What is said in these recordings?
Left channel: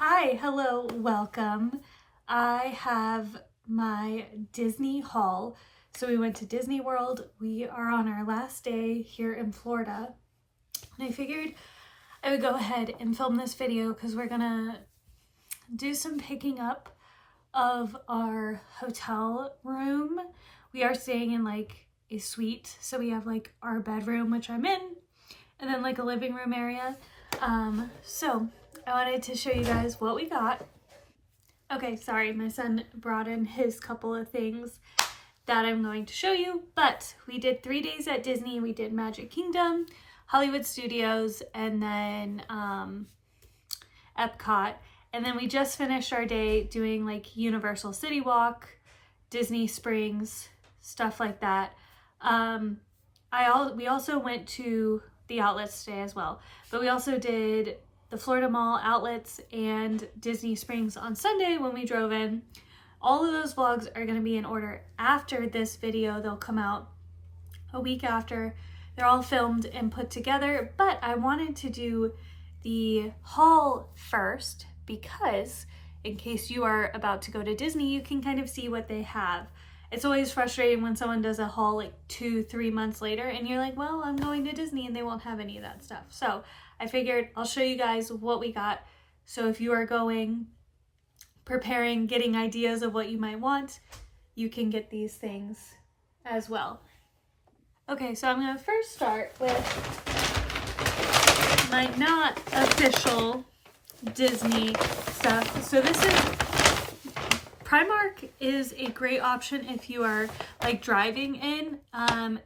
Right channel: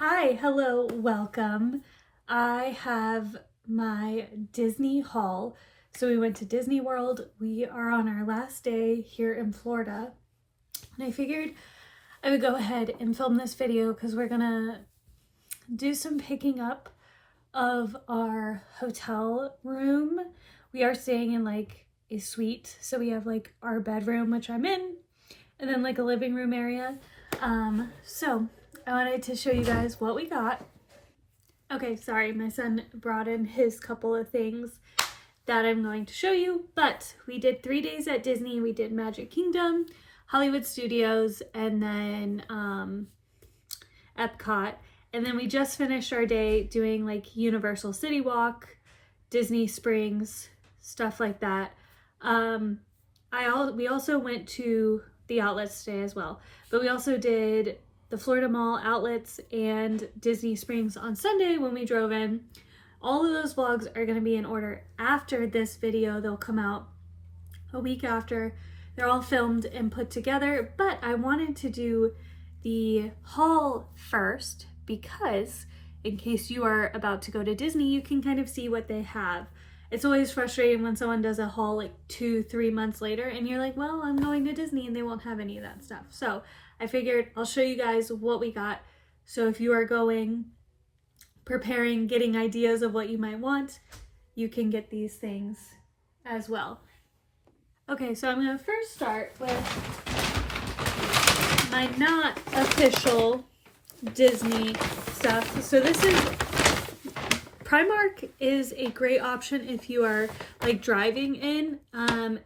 Hi, hello, welcome. I have my Disney haul. So we went to Disney World. We are on our last day here in Florida. And I figured I would go ahead and film this video because we're gonna do some picking up of our hotel room. We are staying in like a suite. So we have like our bedroom, which I'm in, and then like a living room area. So I wanted to show you guys what we got. Okay, sorry, my son brought in his couple of things that I'm going to show you, but we did 3 days at Disney. We did Magic Kingdom, Hollywood Studios, and then Epcot. And then we just finished our day doing like Universal City Walk, Disney Springs, stuff like that. We also went to the outlets today as well, but we also did the Florida Mall outlets and Disney Springs on Sunday when we drove in. All of those vlogs are going to be in order after this video. They'll come out a week after. They're all filmed and put together, but I wanted to do the haul first because in case you are about to go to Disney, you can kind of see what they have. It's always frustrating when someone does a haul like 2-3 months later and you're like, well, I'm going to Disney and they won't have any of that stuff. So I figured I'll show you guys what we got. So if you are going, preparing, getting ideas of what you might want, you can get these things as well. Okay, so I'm gonna first start with my not official Disney stuff. So this is Primark is a great option if you are like driving in.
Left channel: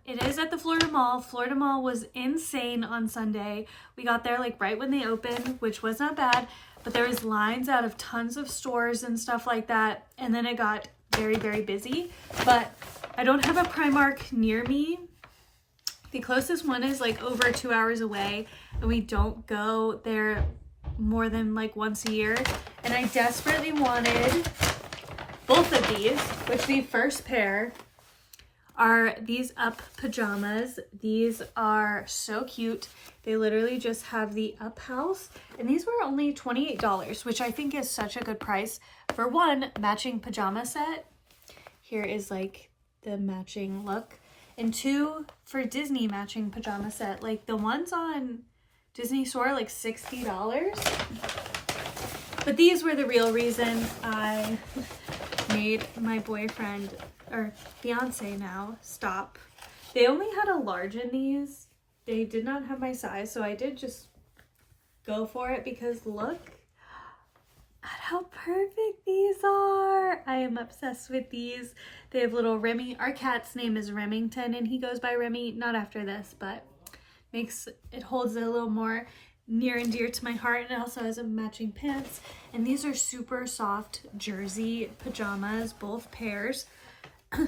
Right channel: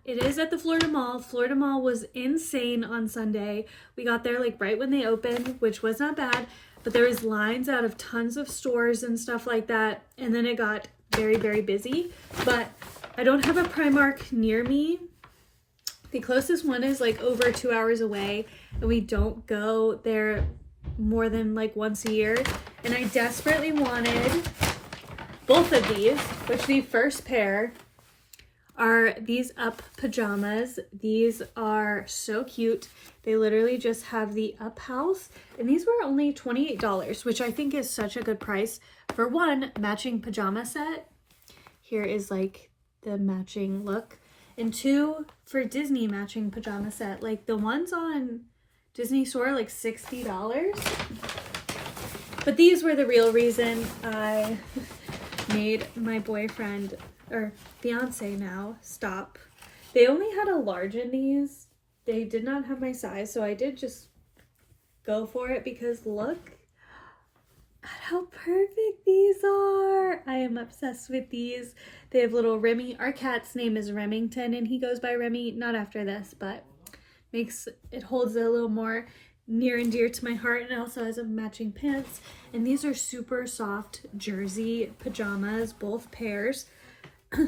It is at the Florida Mall. Florida Mall was insane on Sunday. We got there like right when they opened, which was not bad, but there was lines out of tons of stores and stuff like that. And then it got very, very busy, but I don't have a Primark near me. The closest one is like over 2 hours away, and we don't go there more than like once a year. And I desperately wanted both of these, which the first pair are these Up pajamas. These are so cute. They literally just have the Up house, and these were only $28, which I think is such a good price for one matching pajama set. Here is like the matching look, and two for Disney matching pajama set. Like the ones on Disney Store are like $60, but these were the real reason I made my boyfriend, or fiance now, stop. They only had a large in these. They did not have my size, so I did just go for it because look at how perfect these are. I am obsessed with these. They have little Remy. Our cat's name is Remington and he goes by Remy, not after this, but makes it holds it a little more near and dear to my heart. And it also has a matching pants, and these are super soft jersey pajamas, both pairs.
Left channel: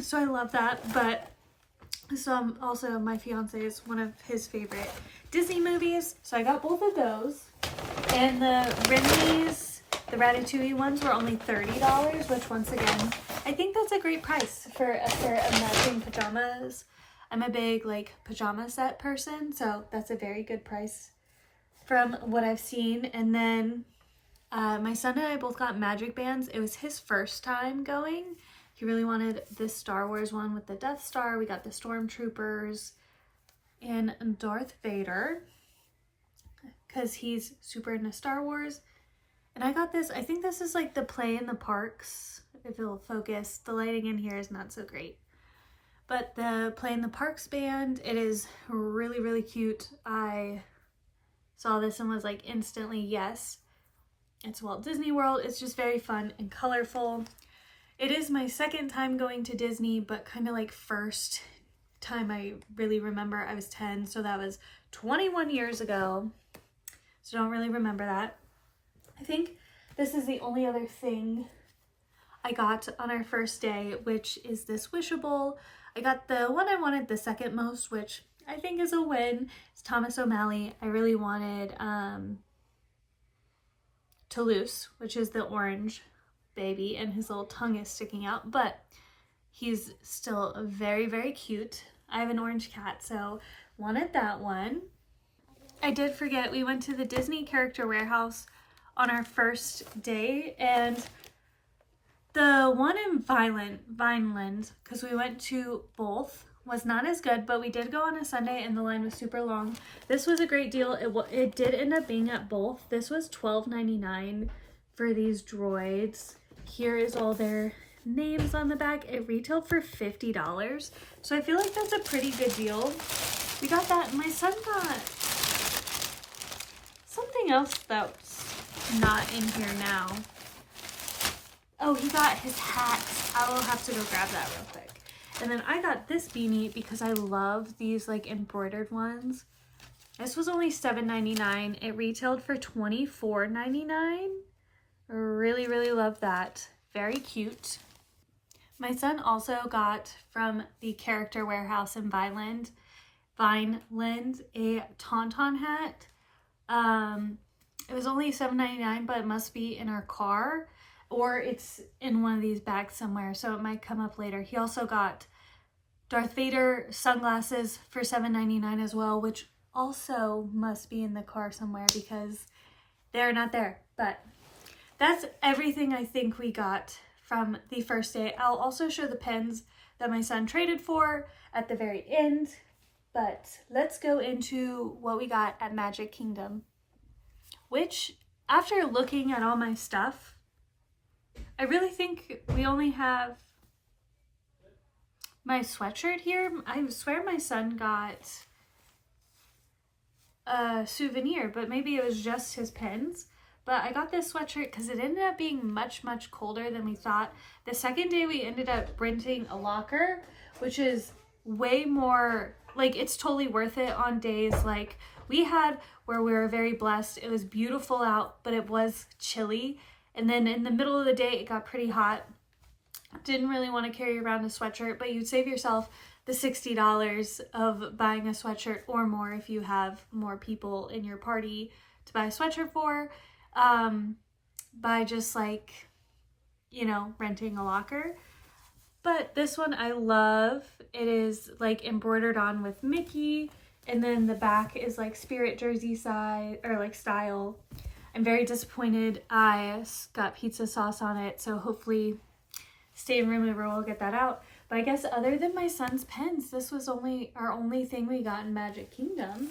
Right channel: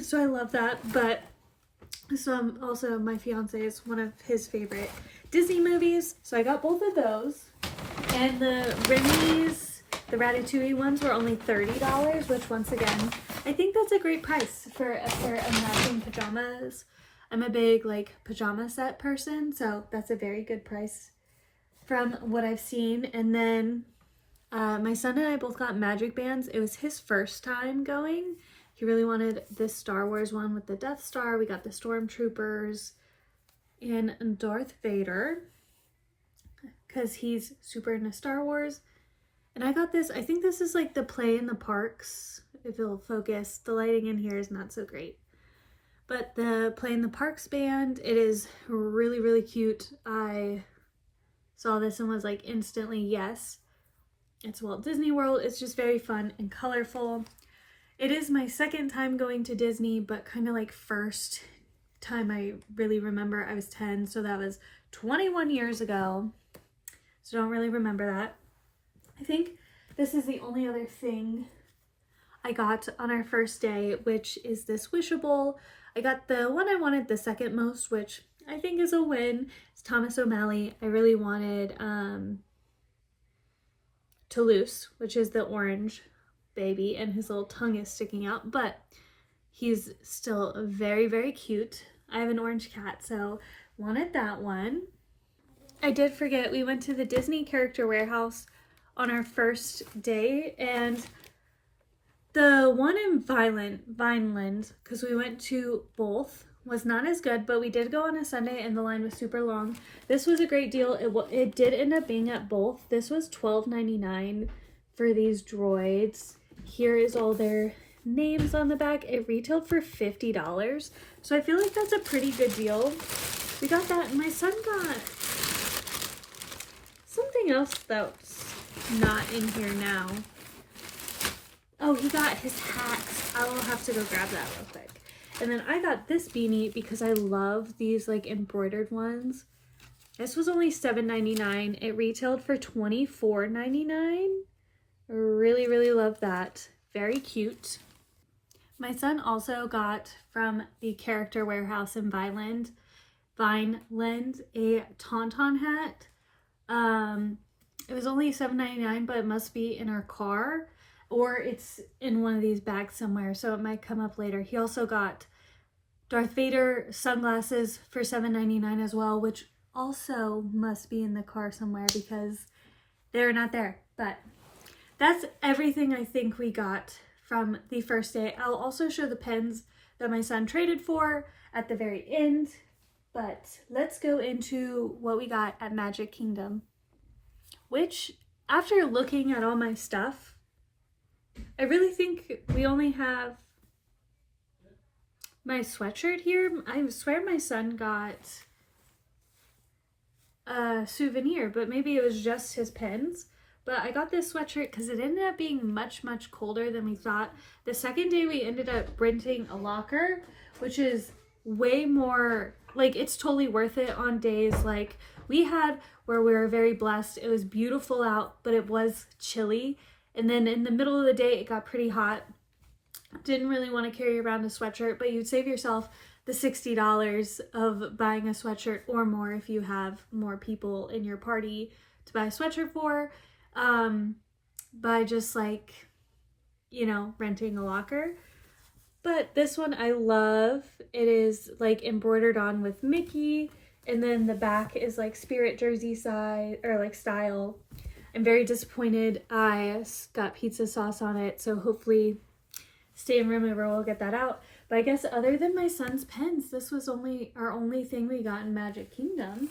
So I love that. But so also my fiance is one of his favorite Disney movies, so I got both of those. And the Remy's, the Ratatouille ones, were only $30, which once again I think that's a great price for a pair of matching pajamas. I'm a big like pajama set person, so that's a very good price from what I've seen. And then my son and I both got magic bands. It was his first time going. He really wanted this Star Wars one with the Death Star. We got the Stormtroopers and Darth Vader because he's super into Star Wars. And I got this, I think this is like the Play in the Parks. If it'll focus, the lighting in here is not so great. But the Play in the Parks band, it is really, really cute. I saw this and was like instantly yes. It's Walt Disney World. It's just very fun and colorful. It is my second time going to Disney, but kind of like first time I really remember. I was 10, so that was 21 years ago. So don't really remember that. I think this is the only other thing I got on our first day, which is this Wishable. I got the one I wanted the second most, which I think is a win. It's Thomas O'Malley. I really wanted Toulouse, which is the orange baby, and his little tongue is sticking out, but he's still very, very cute. I have an orange cat, so wanted that one. I did forget, we went to the Disney Character Warehouse on our first day, and the one in Vineland, because we went to both, was not as good, but we did go on a Sunday and the line was super long. This was a great deal. It did end up being at both. This was $12.99 for these droids. Here is all their names on the back. It retailed for $50, so I feel like that's a pretty good deal. We got that, and my son got something else that's not in here now. Oh, he got his hat. I will have to go grab that real quick. And then I got this beanie because I love these like embroidered ones. This was only $7.99. It retailed for $24.99. Really, really love that. Very cute. My son also got from the Character Warehouse in Vineland a Tauntaun hat. It was only $7.99, but it must be in our car, or it's in one of these bags somewhere, so it might come up later. He also got Darth Vader sunglasses for $7.99 as well, which also must be in the car somewhere because they're not there. But that's everything I think we got from the first day. I'll also show the pens that my son traded for at the very end, but let's go into what we got at Magic Kingdom, which, after looking at all my stuff, I really think we only have my sweatshirt here. I swear my son got a souvenir, but maybe it was just his pens. But I got this sweatshirt because it ended up being much, much colder than we thought. The second day we ended up renting a locker, which is way more, like, it's totally worth it on days like we had where we were very blessed. It was beautiful out, but it was chilly. And then in the middle of the day, it got pretty hot. Didn't really want to carry around a sweatshirt, but you'd save yourself the $60 of buying a sweatshirt or more if you have more people in your party to buy a sweatshirt for, by just like, you know, renting a locker. But this one I love. It is like embroidered on with Mickey, and then the back is like Spirit jersey side or like style. I'm very disappointed I got pizza sauce on it, so hopefully Stain Remover will get that out. But I guess other than my son's pens, this was our only thing we got in Magic Kingdom.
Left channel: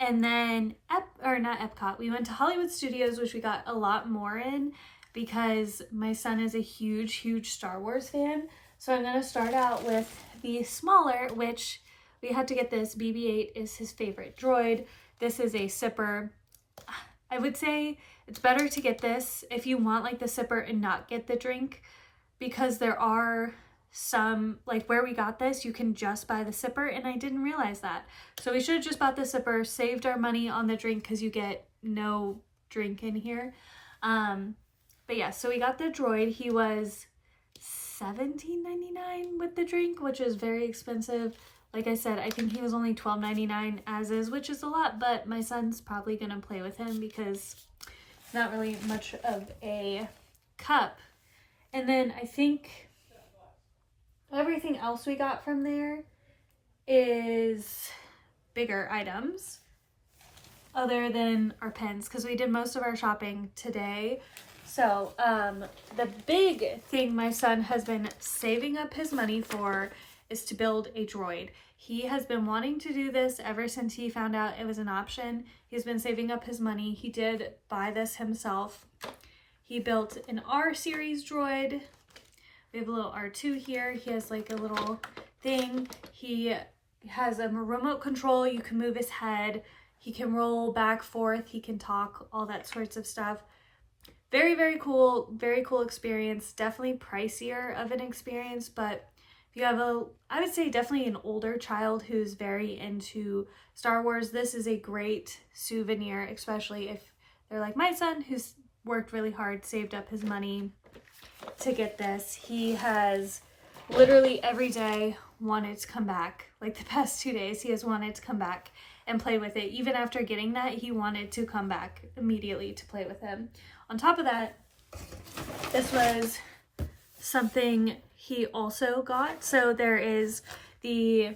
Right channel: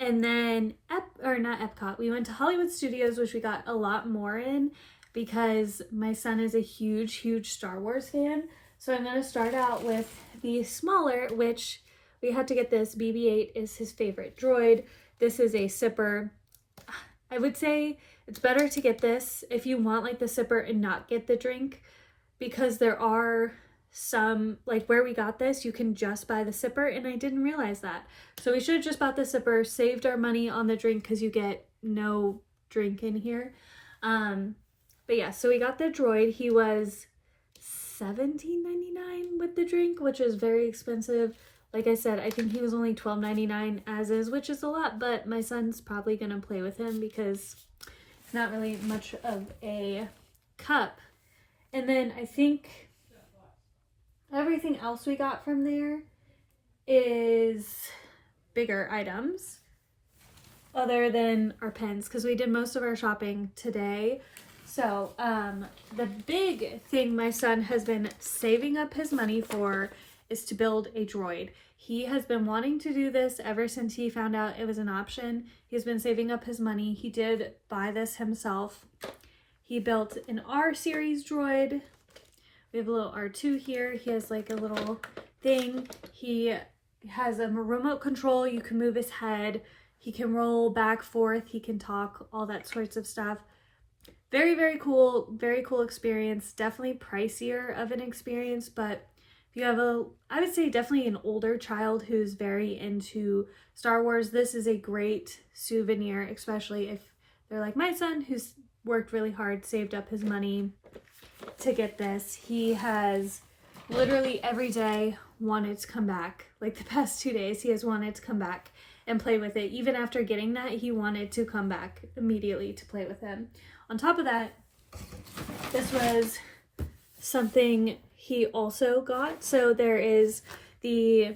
And then, not Epcot, we went to Hollywood Studios, which we got a lot more in because my son is a huge, huge Star Wars fan. So I'm going to start out with the smaller, which we had to get this. BB-8 is his favorite droid. This is a sipper. I would say it's better to get this if you want like the sipper and not get the drink, because there are some, like where we got this, you can just buy the sipper, and I didn't realize that. So we should have just bought the sipper, saved our money on the drink because you get no drink in here. But yeah, so we got the droid. He was $17.99 with the drink, which is very expensive. Like I said, I think he was only $12.99 as is, which is a lot, but my son's probably going to play with him because it's not really much of a cup. And then I think everything else we got from there is bigger items other than our pens, because we did most of our shopping today. So the big thing my son has been saving up his money for is to build a droid. He has been wanting to do this ever since he found out it was an option. He's been saving up his money. He did buy this himself. He built an R series droid. We have a little R2 here. He has like a little thing. He has a remote control. You can move his head. He can roll back, forth. He can talk, all that sorts of stuff. Very, very cool experience. Definitely pricier of an experience, but if you have I would say definitely an older child who's very into Star Wars, this is a great souvenir, especially if they're like my son, who's worked really hard, saved up his money to get this. He has literally every day wanted to come back. Like the past 2 days, he has wanted to come back and play with it. Even after getting that, he wanted to come back immediately to play with him. On top of that, this was something he also got. So there is you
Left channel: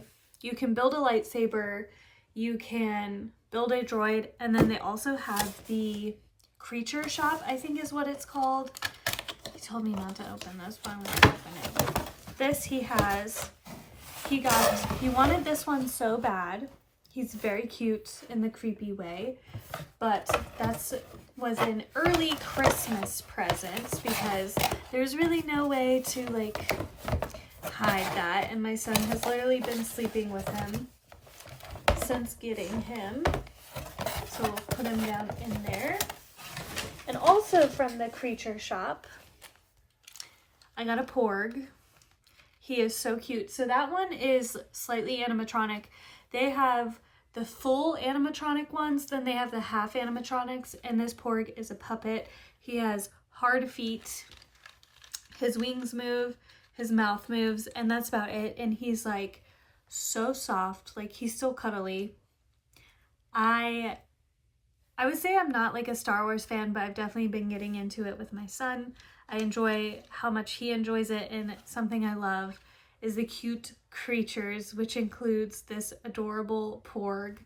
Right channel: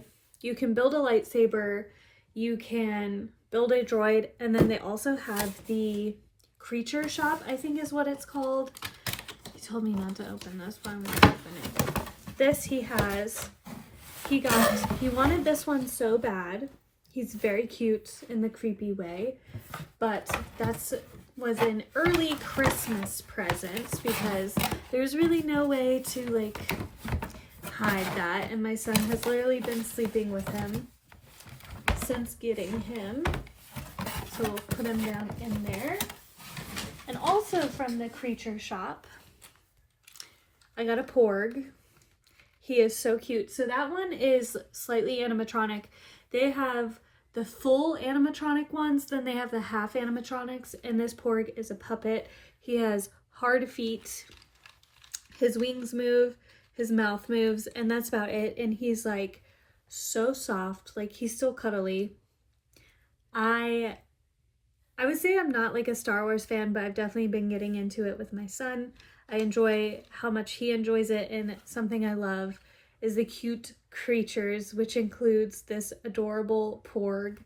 can build a lightsaber, you can build a droid, and then they also have the Creature Shop, I think is what it's called. He told me not to open this, but I'm going to open it. This he wanted this one so bad. He's very cute in the creepy way, but was an early Christmas present because there's really no way to like hide that, and my son has literally been sleeping with him since getting him, so we'll put him down in there. And also from the Creature Shop, I got a Porg. He is so cute. So that one is slightly animatronic. They have the full animatronic ones, then they have the half animatronics, and this Porg is a puppet. He has hard feet, his wings move, his mouth moves, and that's about it. And he's like so soft, like he's still cuddly. I would say I'm not like a Star Wars fan, but I've definitely been getting into it with my son. I enjoy how much he enjoys it, and something I love is the cute creatures, which includes this adorable Porg.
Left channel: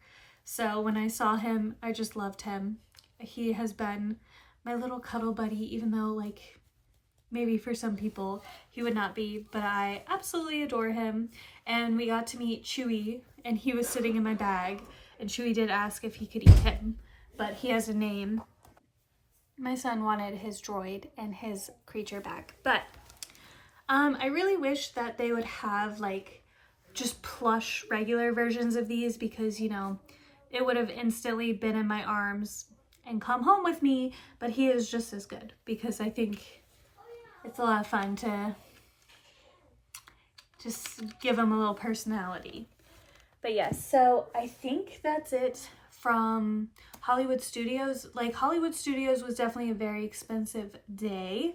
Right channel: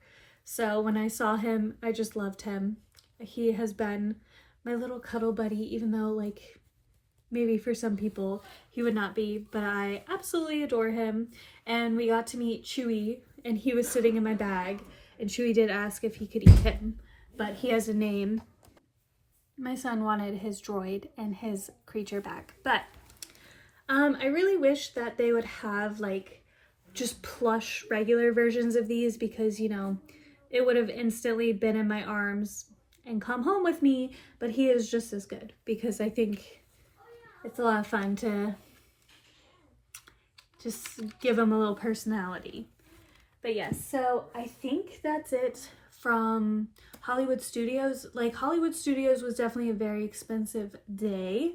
So when I saw him, I just loved him. He has been my little cuddle buddy, even though like maybe for some people he would not be, but I absolutely adore him. And we got to meet Chewy, and he was sitting in my bag, and Chewy did ask if he could eat him, but he has a name. My son wanted his droid and his creature back, but I really wish that they would have like just plush regular versions of these, because you know it would have instantly been in my arms and come home with me. But he is just as good, because I think it's a lot of fun to just give him a little personality. But yes, so I think that's it from Hollywood Studios. Like, Hollywood Studios was definitely a very expensive day,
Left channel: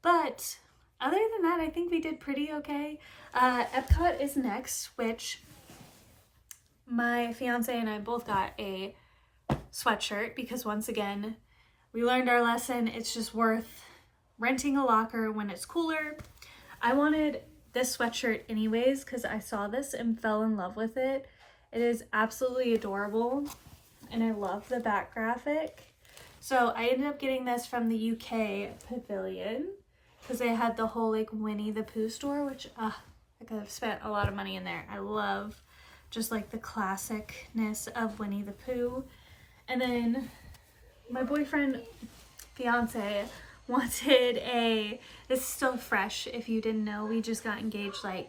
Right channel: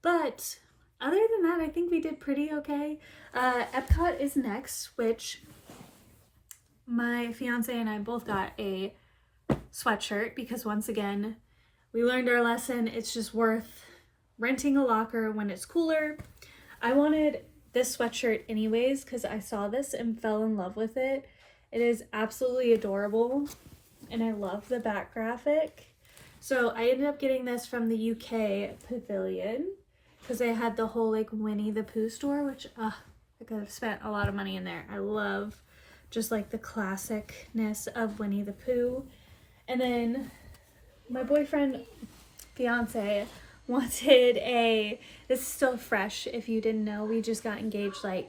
but other than that, I think we did pretty okay. Epcot is next, which my fiance and I both got a sweatshirt, because once again, we learned our lesson. It's just worth renting a locker when it's cooler. I wanted this sweatshirt anyways, because I saw this and fell in love with it. It is absolutely adorable, and I love the back graphic. So I ended up getting this from the UK Pavilion, because they had the whole like Winnie the Pooh store, which I could have spent a lot of money in there. I love just like the classicness of Winnie the Pooh. And then my fiance wanted this is still fresh, if you didn't know, we just got engaged like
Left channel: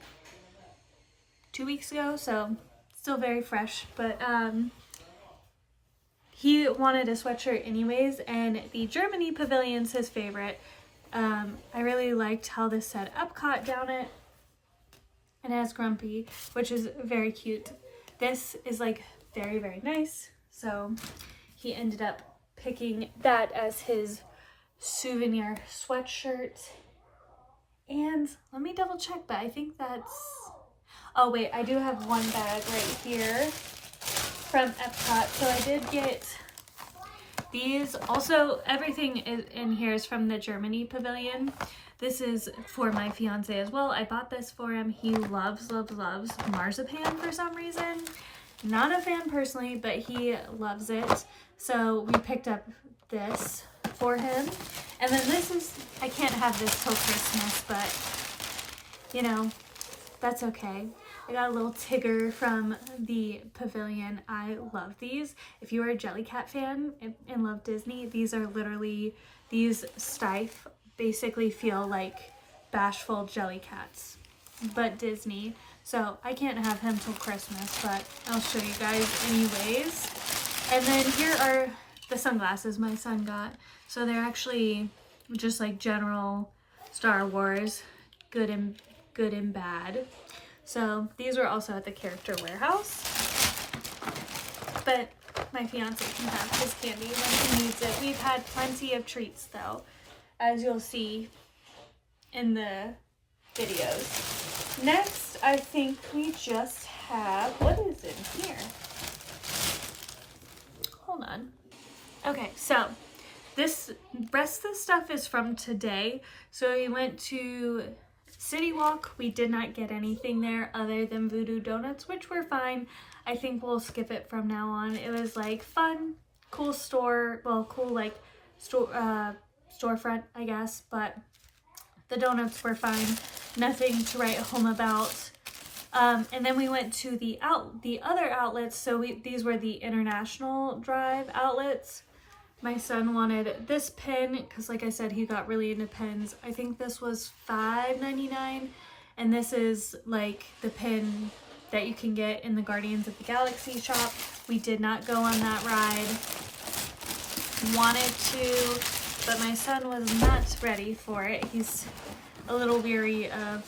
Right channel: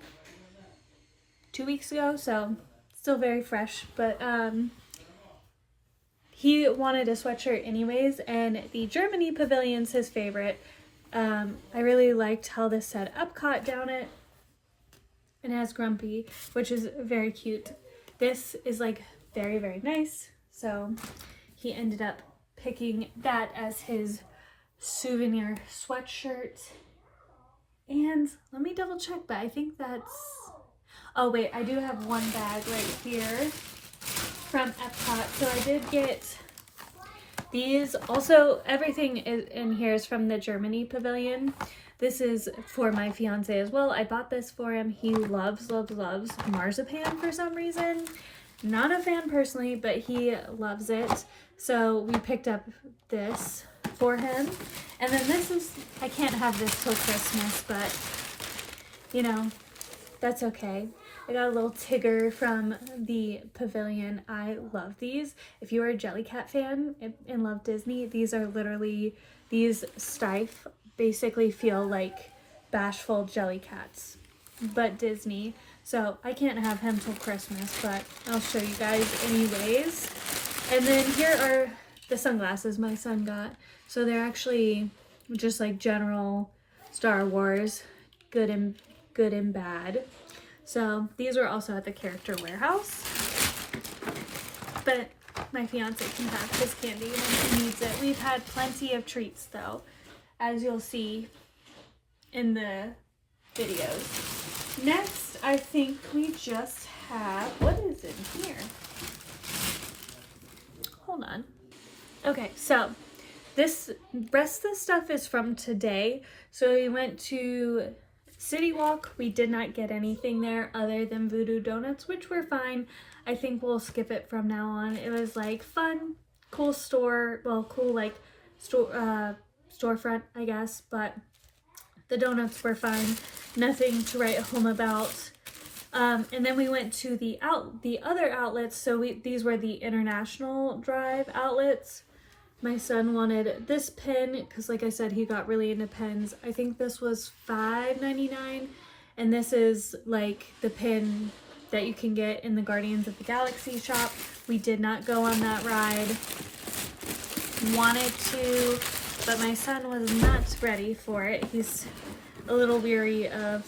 2 weeks ago, so still very fresh, but he wanted a sweatshirt anyways, and the Germany Pavilion's his favorite. I really liked how this said Epcot down it, and it has Grumpy, which is very cute. This is like very, very nice, so he ended up picking that as his souvenir sweatshirt. And let me double check, but I think that's, oh wait, I do have one bag right here from Epcot. So I did get these. Also, everything in here is from the Germany Pavilion. This is for my fiance as well. I bought this for him. He loves marzipan for some reason. Not a fan personally, but he loves it. So we picked up this for him. And then this is, I can't have this till Christmas, but you know, that's okay. I got a little Tigger from the Pavilion. I love these. If you are a Jellycat fan and love Disney, these are literally, these Steiff basically feel like bashful Jellycats, but Disney. So I can't have him till Christmas, but I'll show you guys anyways. And then here are the sunglasses my son got. So they're actually just like general Star Wars, good and bad. So these are also at the Character Warehouse, but my fiance can have his candy when he needs it. We've had plenty of treats though, as you'll see in the videos. Next, I think we just have, what is in here? Hold on. Okay, so this rest of the stuff is from today. So we went to City Walk. We did not get anything there other than Voodoo Donuts, which were fine. I think we'll skip it from now on. It was like fun, cool store, well, cool like storefront, I guess, but the donuts were fine. Nothing to write home about. And then we went to the other outlets. So these were the International Drive outlets. My son wanted this pin because, like I said, he got really into pins. I think this was $5.99, and this is like the pin that you can get in the Guardians of the Galaxy shop. We did not go on that ride. Wanted to, but my son was not ready for it. He's a little weary of,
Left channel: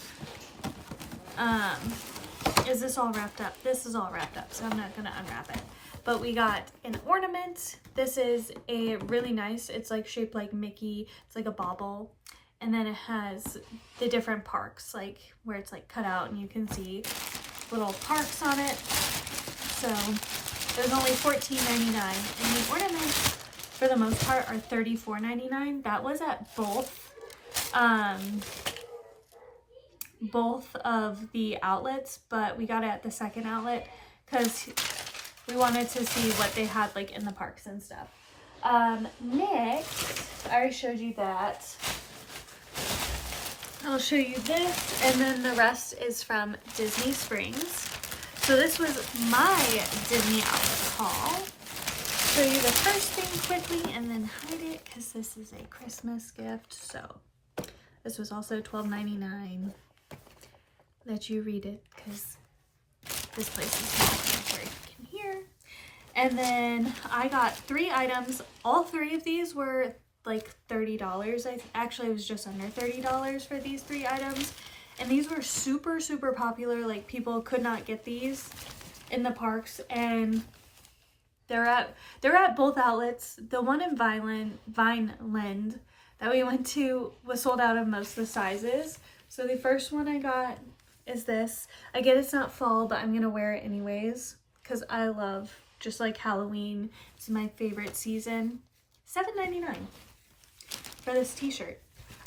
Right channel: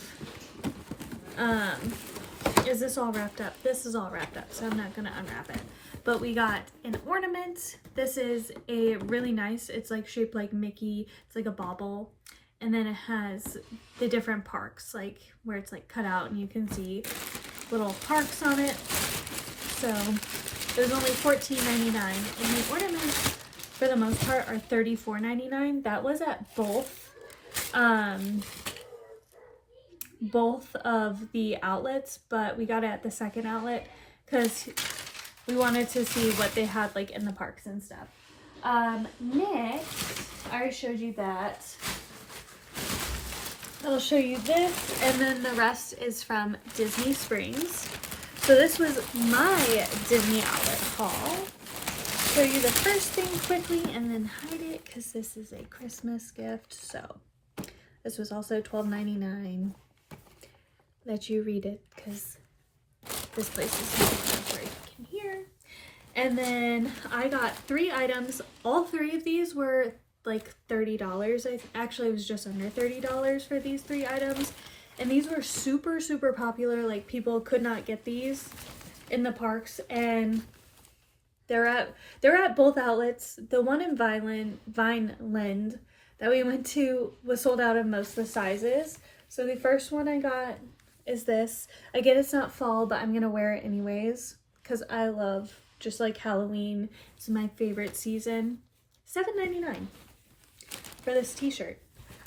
is this all wrapped up? This is all wrapped up, so I'm not gonna unwrap it. But we got an ornament. This is a really nice, it's like shaped like Mickey. It's like a bauble. And then it has the different parks, like where it's like cut out and you can see little parks on it. So there's only $14.99. And the ornaments, for the most part, are $34.99. That was at both of the outlets, but we got it at the second outlet because we wanted to see what they had like in the parks and stuff. Next, I already showed you that. I'll show you this, and then the rest is from Disney Springs. So this was my Disney outlet haul. Show you the first thing quickly and then hide it because this is a Christmas gift. So this was also $12.99. Let you read it because this place is not where you can hear. And then I got 3 items. All 3 of these were like $30. Actually, it was just under $30 for these 3 items. And these were super, super popular. Like, people could not get these in the parks. And they're at both outlets. The one in Vineland that we went to was sold out of most of the sizes. So the first one I got is this. Again, it's not fall, but I'm going to wear it anyways because I love just like Halloween. It's my favorite season. $7.99 for this t-shirt.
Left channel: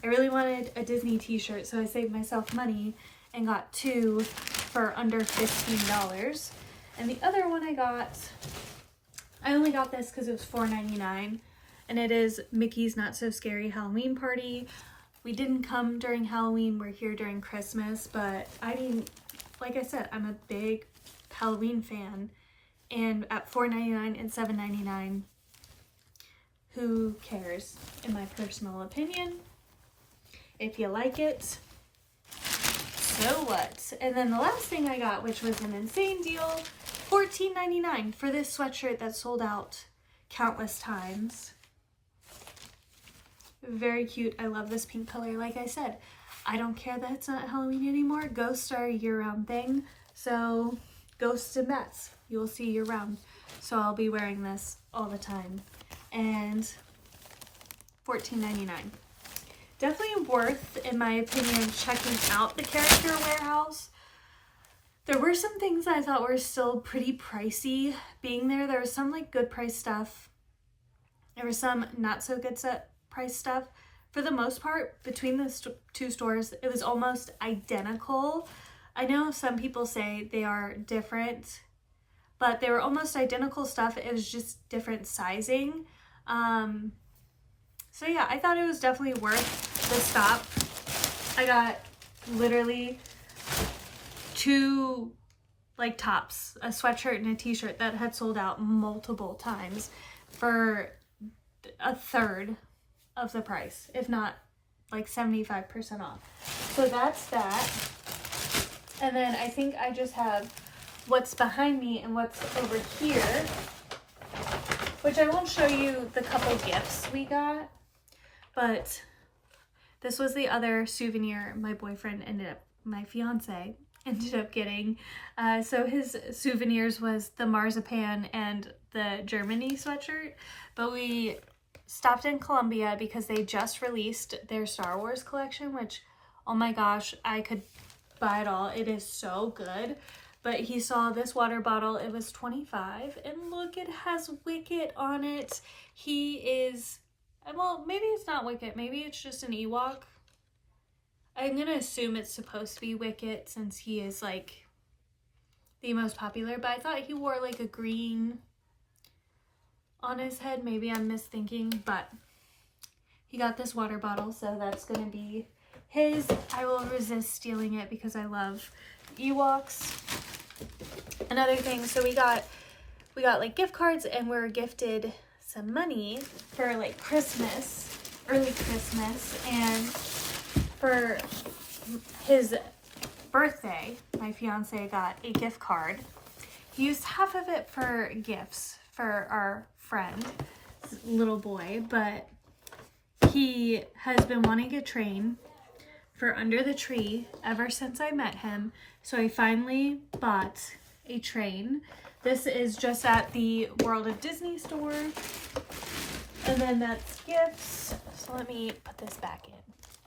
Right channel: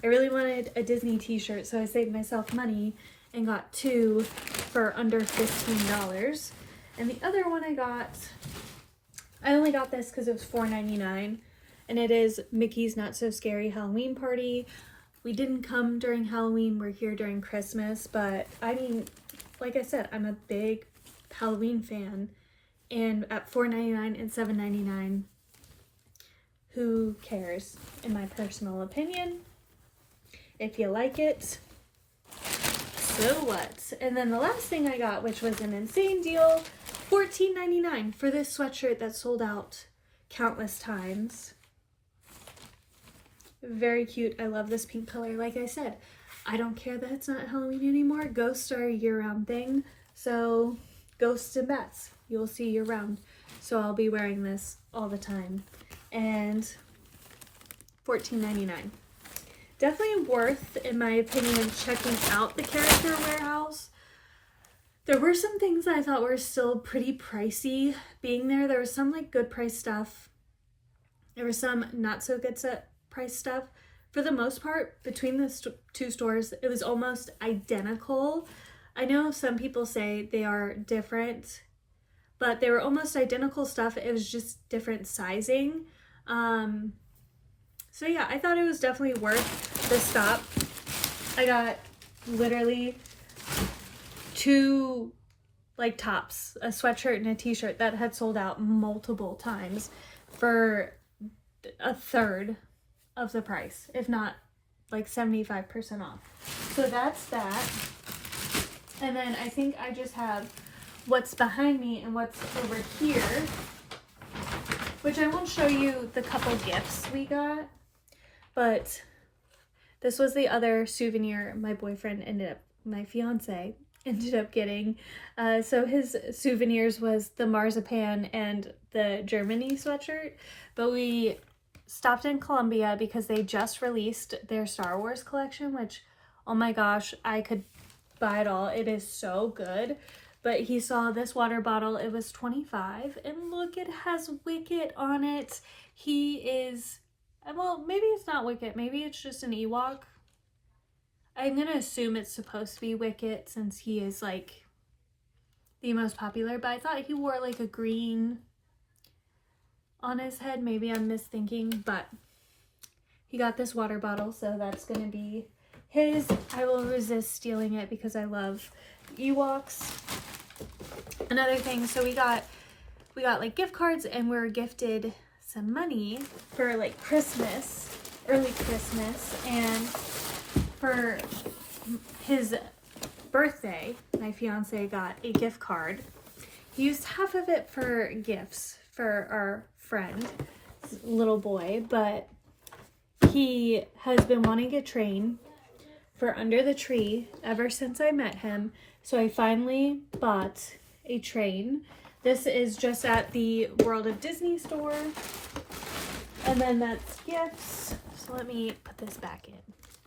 I really wanted a Disney t-shirt, so I saved myself money and got 2 for under $15. And the other one I only got this because it was $4.99, and it is Mickey's Not So Scary Halloween Party. We didn't come during Halloween, we're here during Christmas, but I mean, like I said, I'm a big Halloween fan, and at $4.99 and $7.99, who cares, in my personal opinion? If you like it, so what? And then the last thing I got, which was an insane deal, $14.99 for this sweatshirt that sold out countless times. Very cute. I love this pink color. Like I said, I don't care that it's not Halloween anymore. Ghosts are a year-round thing. So ghosts and bats, you'll see year-round. So I'll be wearing this all the time. And $14.99. Definitely worth, in my opinion, checking out the Character Warehouse. There were some things I thought were still pretty pricey being there. There was some like good price stuff. There was some not so good price stuff. For the most part, between the 2 stores, it was almost identical. I know some people say they are different, but they were almost identical stuff. It was just different sizing. So yeah, I thought it was definitely worth the stop. I got literally 2 like tops, a sweatshirt and a t-shirt that had sold out multiple times for a third of the price, if not like 75% off. So that's that. And then I think I just have what's behind me and what's over here, which I won't show you the couple gifts we got, but this was the other souvenir my fiance ended up getting. So his souvenirs was the marzipan and the Germany sweatshirt, but we stopped in Columbia because they just released their Star Wars collection, which, oh my gosh, I could buy it all. It is so good. But he saw this water bottle. It was $25, and look, it has Wicket on it. He is, well, maybe it's not Wicket. Maybe it's just an Ewok. I'm going to assume it's supposed to be Wicket since he is like the most popular, but I thought he wore like a green on his head. Maybe I'm misthinking, but he got this water bottle, so that's going to be his. I will resist stealing it because I love Ewoks. Another thing, so we got like gift cards, and we were gifted some money for like Christmas, early Christmas, and for his birthday, my fiance got a gift card. He used half of it for gifts for our friend, little boy, but he has been wanting a train for under the tree ever since I met him. So I finally bought a train. This is just at the World of Disney store. And then that's gifts. So let me put this back in.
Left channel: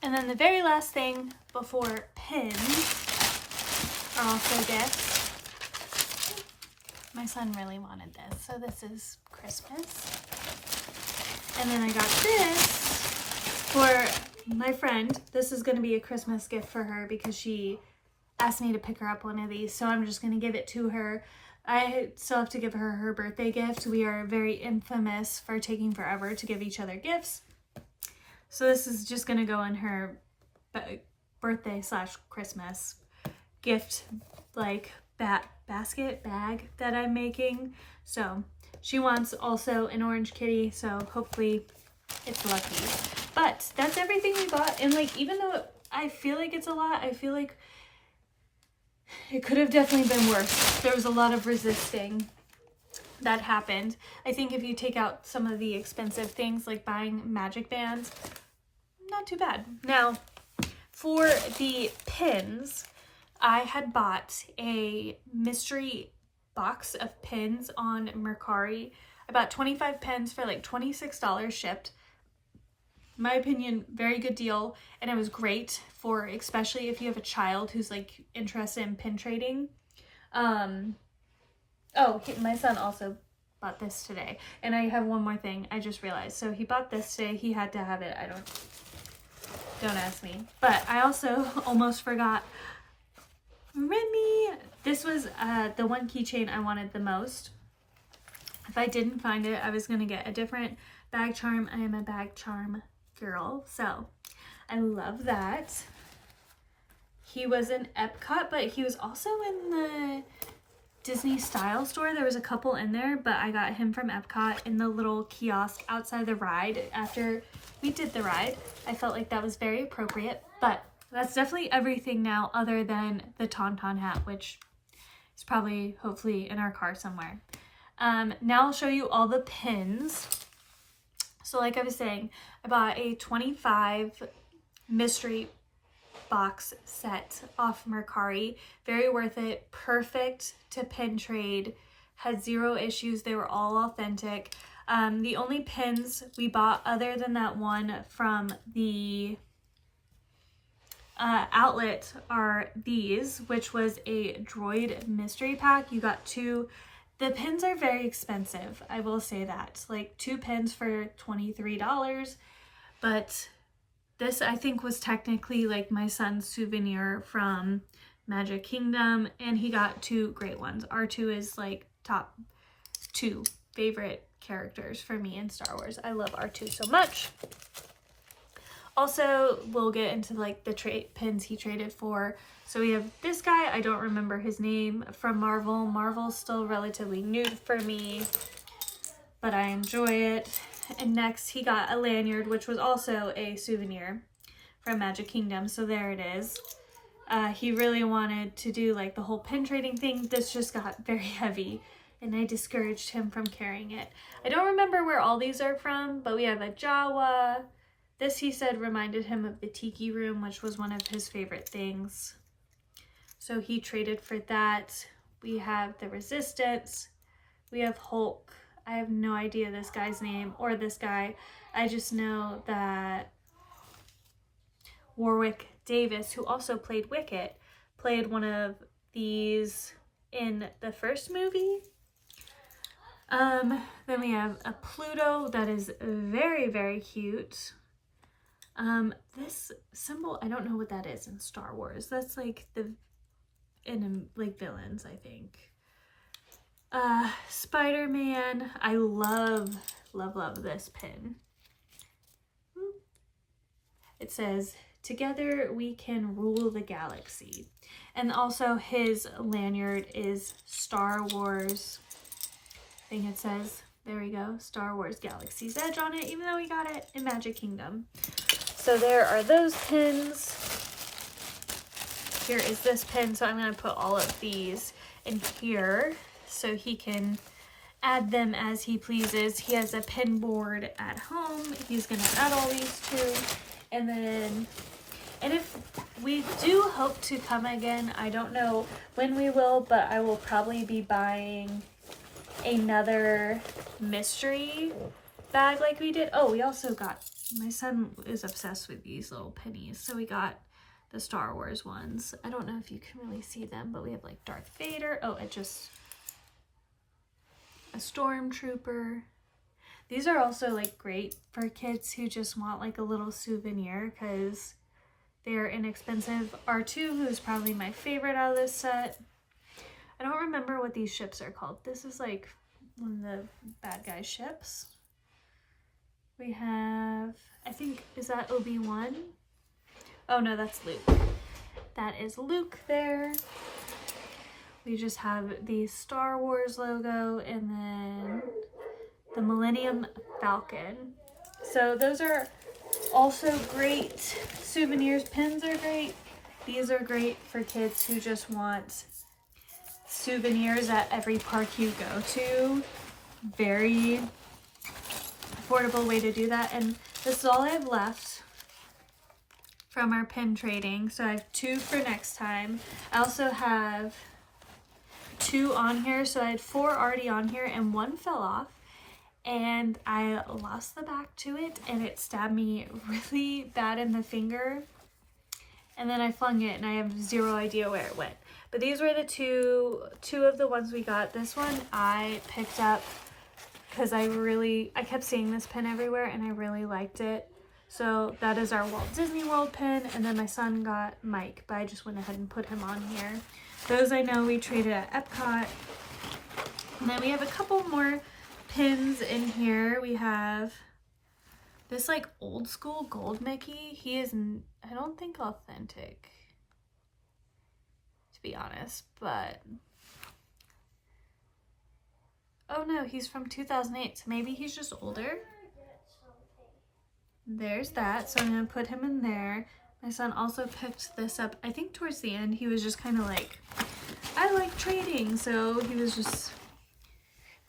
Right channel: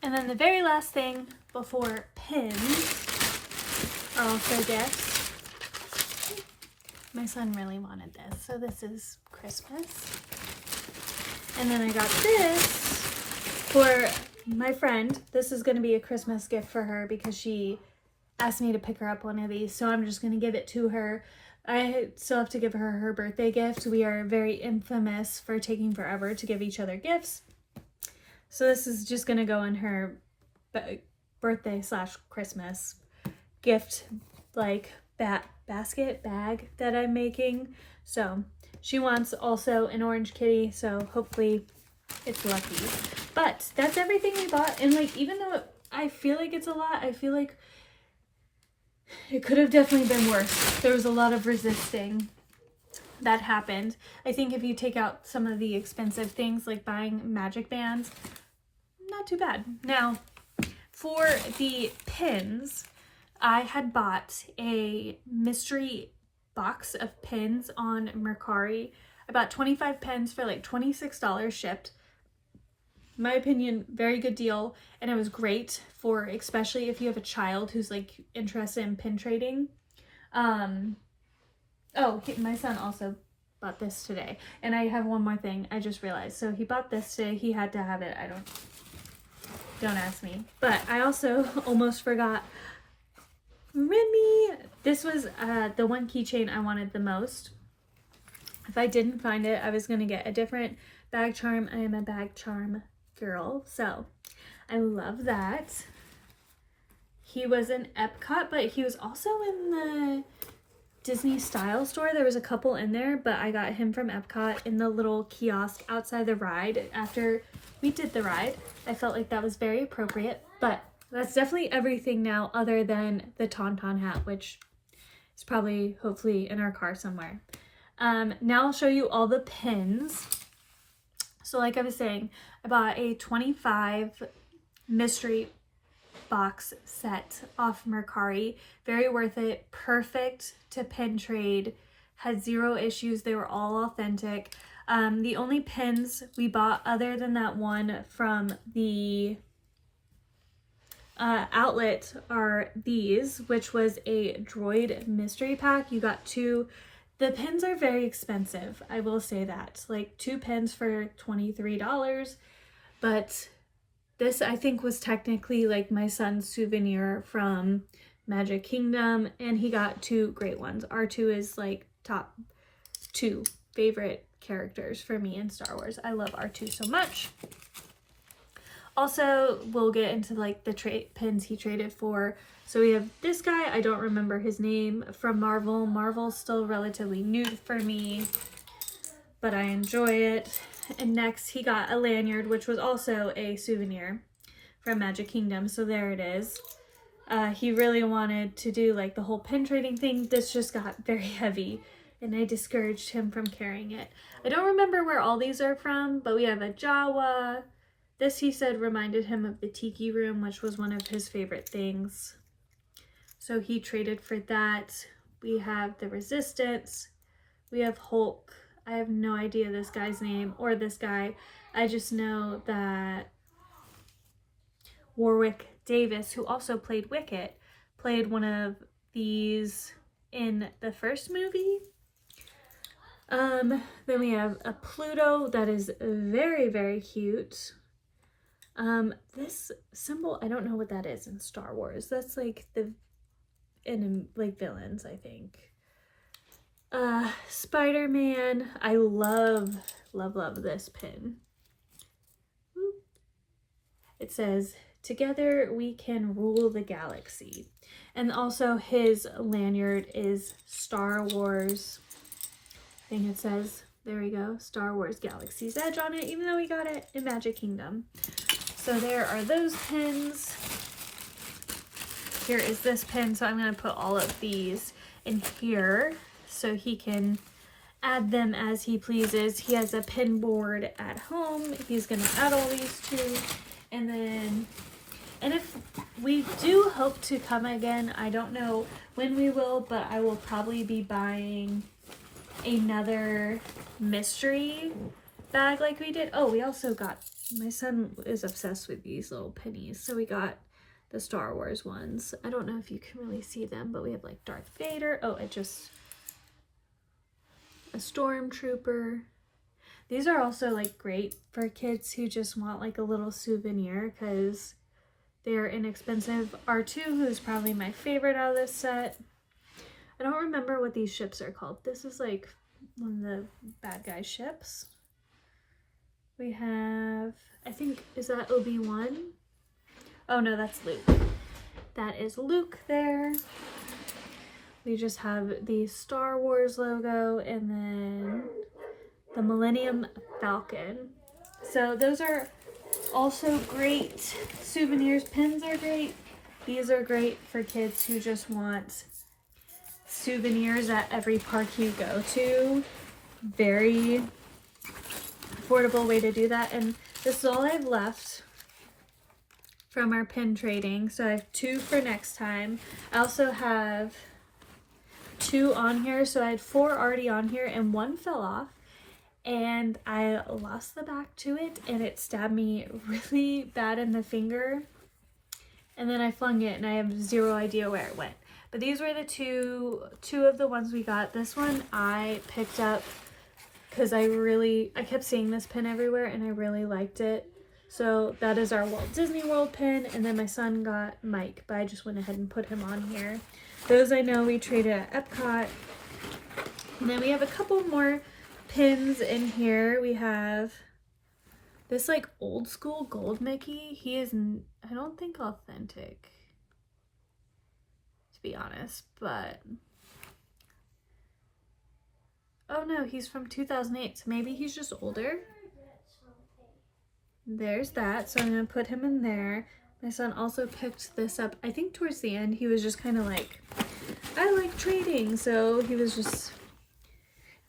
And then the very last thing before pins are also gifts. My son really wanted this, so this is Christmas. And then I got this for my friend. This is going to be a Christmas gift for her because she asked me to pick her up one of these, so I'm just going to give it to her. I still have to give her her birthday gift. We are very infamous for taking forever to give each other gifts. So this is just going to go in her birthday / Christmas gift, like bag that I'm making. So she wants also an orange kitty, so hopefully it's lucky. But that's everything we bought, and like, even though I feel like it's a lot, I feel like it could have definitely been worse. There was a lot of resisting that happened. I think if you take out some of the expensive things like buying magic bands, not too bad. Now, for the pins, I had bought a mystery box of pins on Mercari. I bought 25 pins for like $26 shipped. In my opinion, very good deal, and it was great for especially if you have a child who's like interested in pin trading. My son also bought this today, and I have one more thing I just realized. So he bought this today. He had to have it. Don't ask me. But I also almost forgot. Remy, this was the one keychain I wanted the most. If I didn't find it, I was going to get a different bag charm. I am a bag charm girl, so I love that. He was in Epcot, but he was also in the Disney Style store. There was a couple in there, but I got him from Epcot in the little kiosk outside the ride. After we did the ride, I felt like that was very appropriate, but that's definitely everything now other than the Tauntaun hat, which is probably, hopefully, in our car somewhere. Now I'll show you all the pins. So like I was saying, I bought a 25 mystery box set off Mercari. Very worth it. Perfect to pin trade. Had zero issues. They were all authentic. The only pins we bought other than that one from the outlet are these, which was a droid mystery pack. You got two. The pins are very expensive, I will say that. Like 2 pins for $23, but this I think was technically like my son's souvenir from Magic Kingdom, and he got 2 great ones. R2 is like top 2 favorite characters for me in Star Wars. I love R2 so much. Also, we'll get into like the pins he traded for. So we have this guy, I don't remember his name, from Marvel. Marvel's still relatively new for me, but I enjoy it. And next he got a lanyard, which was also a souvenir from Magic Kingdom. So there it is. He really wanted to do like the whole pin trading thing. This just got very heavy, and I discouraged him from carrying it. I don't remember where all these are from, but we have a Jawa. This, he said, reminded him of the Tiki Room, which was one of his favorite things. So he traded for that. We have the Resistance. We have Hulk. I have no idea this guy's name or this guy. I just know that Warwick Davis, who also played Wicket, played one of these in the first movie. Then we have a Pluto that is very, very cute. This symbol, I don't know what that is in Star Wars. That's like like villains, I think. Spider-Man. I love this pin. it says, "Together we can rule the galaxy." And also his lanyard is Star Wars. I think it says, there we go, Star Wars Galaxy's Edge on it, even though we got it in Magic Kingdom. So there are those pins. Here is this pin, so I'm going to put all of these in here so he can add them as he pleases. He has a pin board at home. He's going to add all these to. And if we do hope to come again, I don't know when we will, but I will probably be buying another mystery bag like we did. Oh, we also got, my son is obsessed with these little pennies, so we got the Star Wars ones. I don't know if you can really see them, but we have like Darth Vader. Oh, it just, a stormtrooper. These are also like great for kids who just want like a little souvenir because they're inexpensive. R2, who's probably my favorite out of this set. I don't remember what these ships are called. This is like one of the bad guy ships. We have, I think, is that Obi-Wan? Oh no, that's Luke. That is Luke there. We just have the Star Wars logo and then the Millennium Falcon. So those are also great souvenirs. Pins are great. These are great for kids who just want souvenirs at every park you go to. Very affordable way to do that. And this is all I have left from our pin trading. So I have 2 for next time. I also have 2 on here. So I had 4 already on here and 1 fell off. And I lost the back to it and it stabbed me really bad in the finger. And then I flung it and I have 0 idea where it went. But these were the two of the ones we got. This one I picked up because I kept seeing this pin everywhere and I really liked it. So that is our Walt Disney World pin. And then my son got Mike, but I just went ahead and put him on here. Those I know we traded at Epcot. And then we have a couple more pins in here. We have this like old school gold Mickey. He is, I don't think authentic, to be honest, but oh no, he's from 2008, so maybe he's just older. There's that, so I'm gonna put him in there. My son also picked this up, I think towards the end. He was just kind of like, I like trading, so he was just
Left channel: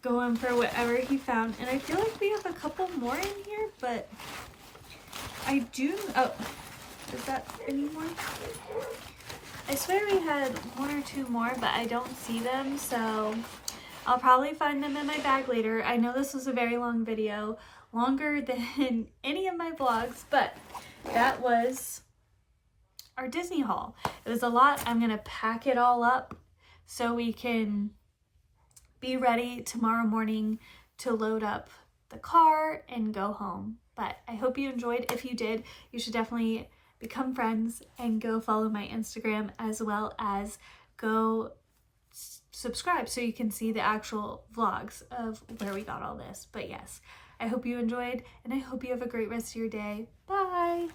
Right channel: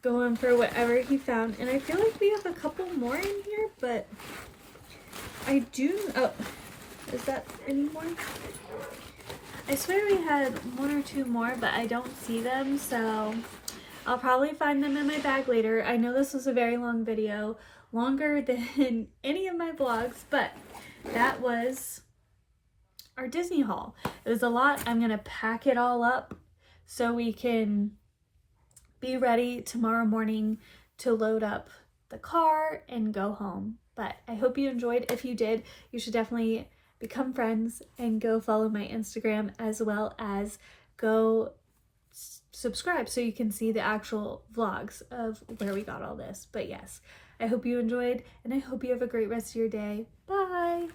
going for whatever he found. And I feel like we have a couple more in here, but I do, oh, is that any more? I swear we had 1 or 2 more, but I don't see them, so I'll probably find them in my bag later. I know this was a very long video, longer than any of my vlogs, but that was our Disney haul. It was a lot. I'm gonna pack it all up so we can be ready tomorrow morning to load up the car and go home. But I hope you enjoyed. If you did, you should definitely become friends and go follow my Instagram, as well as go subscribe so you can see the actual vlogs of where we got all this. But yes, I hope you enjoyed and I hope you have a great rest of your day. Bye!